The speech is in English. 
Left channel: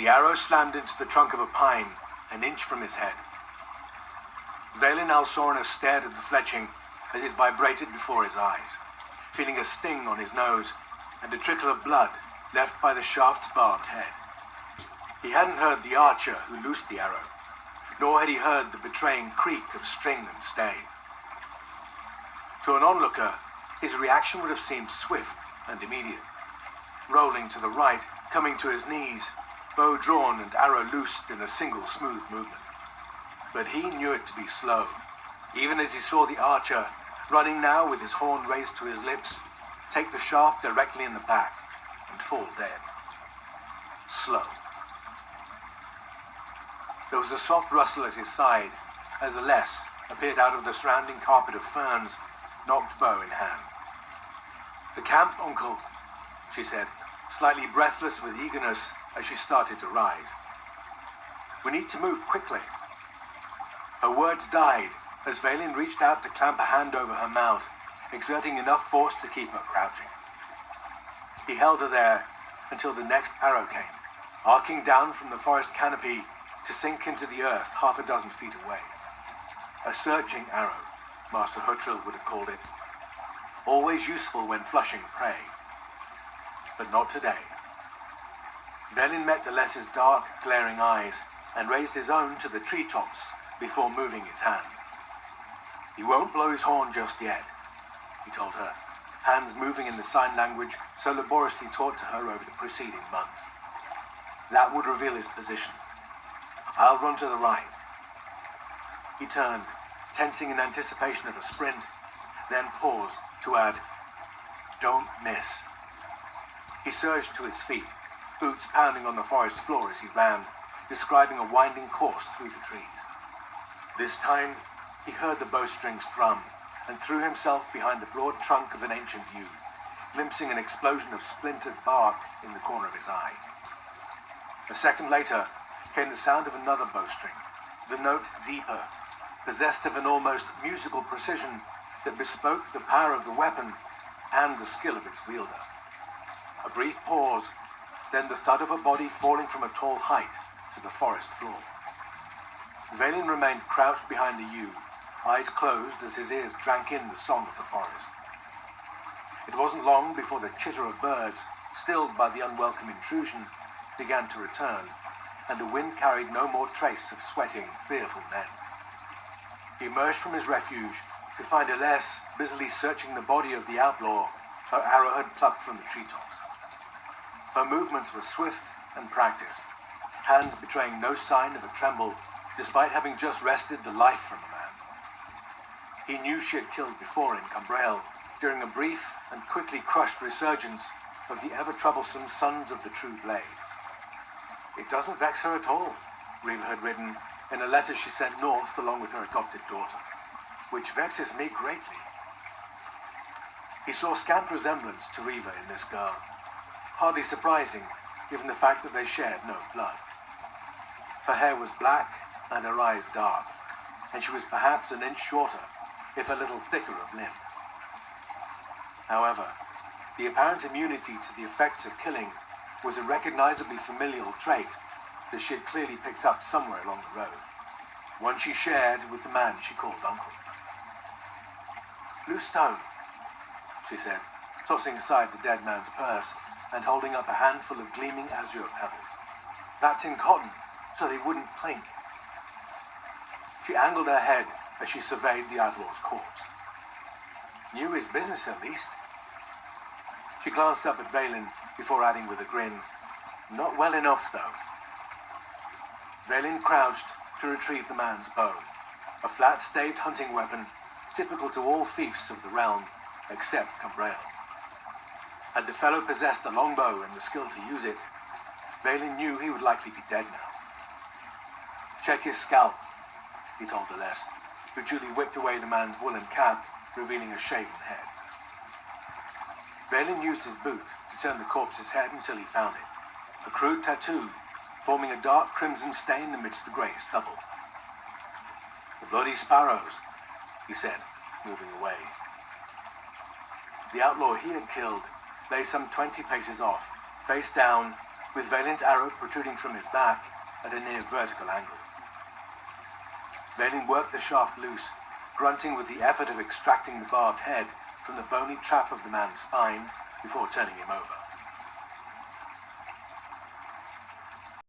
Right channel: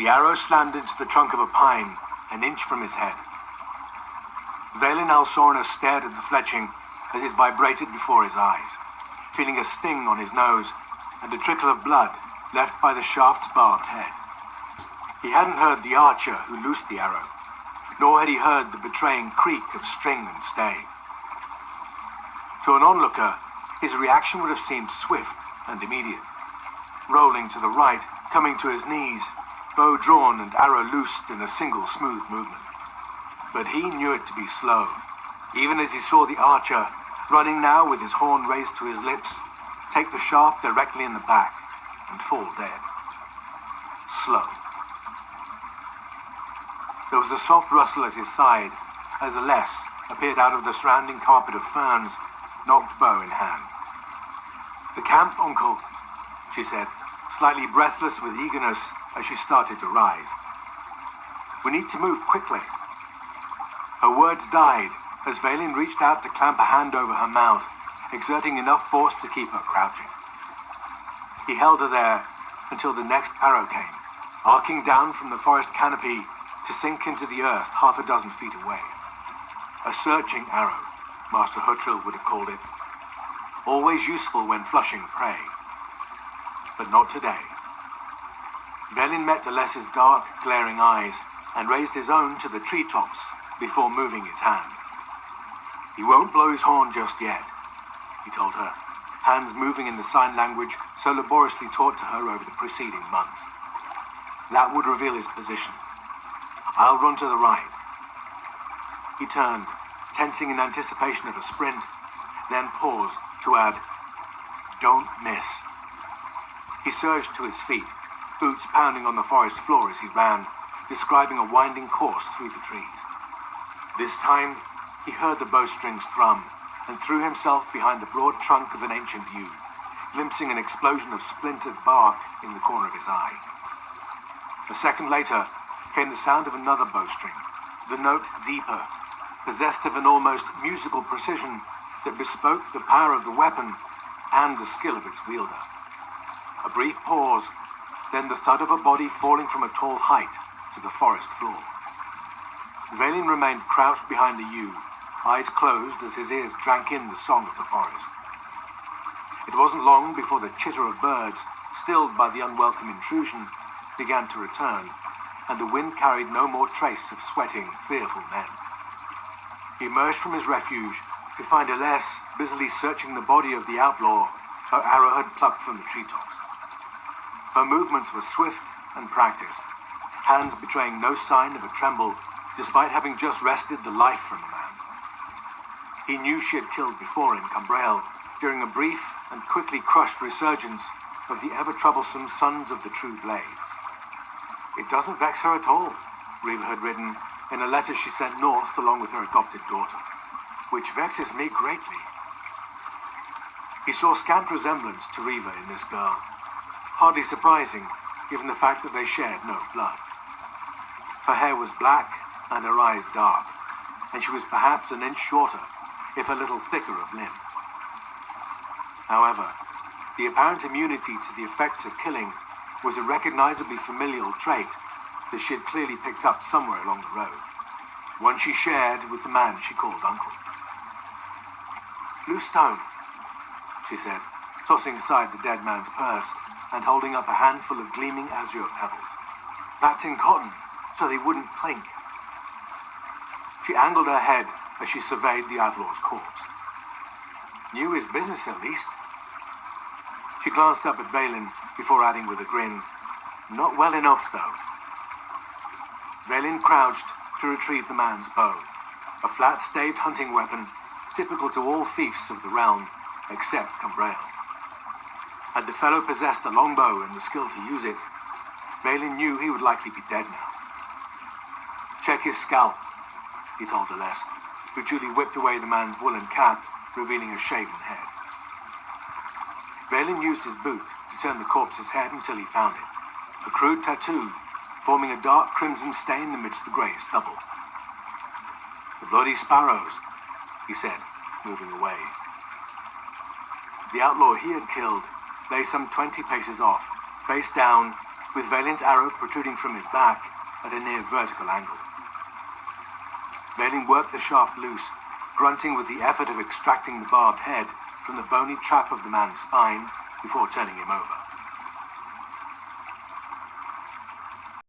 The arrow slammed into the trunk of a pine, an inch from his head. Vaelin Alsorna stared at the fletching as it vibrated before his eyes, feeling a sting on his nose and a trickle of blood left by the shaft's barbed head. He hadn't heard the archer who loosed the arrow, nor had he heard the betraying creak of string and stave. To an onlooker, his reaction would have seemed swift and immediate. Rolling to the right, coming to his knees, bow drawn and arrow loosed in a single smooth movement. But he knew it to be slow, even as he saw the archer, running now with his horn raised to his lips, take the shaft directly in the back and fall dead. Slow. There was a soft rustle at his side as Aless appeared out of the surrounding carpet of ferns, knocked bow in hand. "The camp, uncle," she said, slightly breathless with eagerness as she started to rise. "We need to move quickly." Her words died as Vaelin reached out to clamp a hand over her mouth, exerting enough force to keep her crouching. He held her there until the next arrow came, arcing down from the forest canopy to sink into the earth half a dozen feet away. A searching arrow, Master Huttrill would have called it. Always useful when flushing prey. But not today. Vaelin met Aless's dark, glaring eyes and raised his own to the treetops before moving his hand. "He won't blow his horn just yet," he told her, hands moving in the sign language so laboriously taught to her over the preceding months. "That would reveal his position. I'll run to the right." He turned, tensing in anticipation of a sprint, then paused to add, "Don't miss." He surged to his feet, boots pounding on the forest floor as he ran, describing a winding course through the trees. This time, he heard the bowstrings thrum and threw himself behind the broad trunk of an ancient yew, glimpsing an explosion of splintered bark in the corner of his eye. A second later came the sound of another bowstring, the note deeper, possessed of an almost musical precision that bespoke the power of the weapon and the skill of its wielder. A brief pause, then the thud of a body falling from a tall height to the forest floor. Vaelin remained crouched behind the yew, eyes closed as his ears drank in the song of the forest. It wasn't long before the chitter of birds, stilled by the unwelcome intrusion, began to return, and the wind carried no more trace of sweating, fearful men. He emerged from his refuge to find Aless busily searching the body of the outlaw her arrow had plucked from the treetops. Her movements were swift and practiced, hands betraying no sign of a tremble, despite having just wrested the life from a man. He knew she had killed before in Cumbrael, during a brief and quickly crushed resurgence of the ever-troublesome Sons of the True Blade. "It doesn't vex her at all," Riva had written in a letter she sent north along with her adopted daughter, "which vexes me greatly." He saw scant resemblance to Riva in this girl, hardly surprising given the fact that they shared no blood. Her hair was black and her eyes dark, and she was perhaps an inch shorter, if a little thicker of limb. However, the apparent immunity to the effects of killing was a recognizably familial trait that she had clearly picked up somewhere along the road, one she shared with the man she called uncle. "Loose stone," she said, tossing aside the dead man's purse and holding up a handful of gleaming azure pebbles, "wrapped in cotton so they wouldn't clink." She angled her head as she surveyed the outlaw's corpse. Knew his business at least. She glanced up at Vaelin before adding with a grin, "Not well enough, though." Vaelin crouched to retrieve the man's bow, a flat-staved hunting weapon typical to all fiefs of the realm except Cumbrael. Had the fellow possessed a longbow and the skill to use it, Vaelin knew he would likely be dead now. "Check his scalp," he told Aless, who duly whipped away the man's woolen cap, revealing a shaven head. Vaelin used his boot to turn the corpse's head until he found it, a crude tattoo forming a dark crimson stain amidst the grey stubble. "The bloody sparrows," he said, moving away. The outlaw he had killed lay some 20 paces off, face down, with Valin's arrow protruding from his back at a near vertical angle. Valin worked the shaft loose, grunting with the effort of extracting the barbed head from the bony trap of the man's spine before turning him over.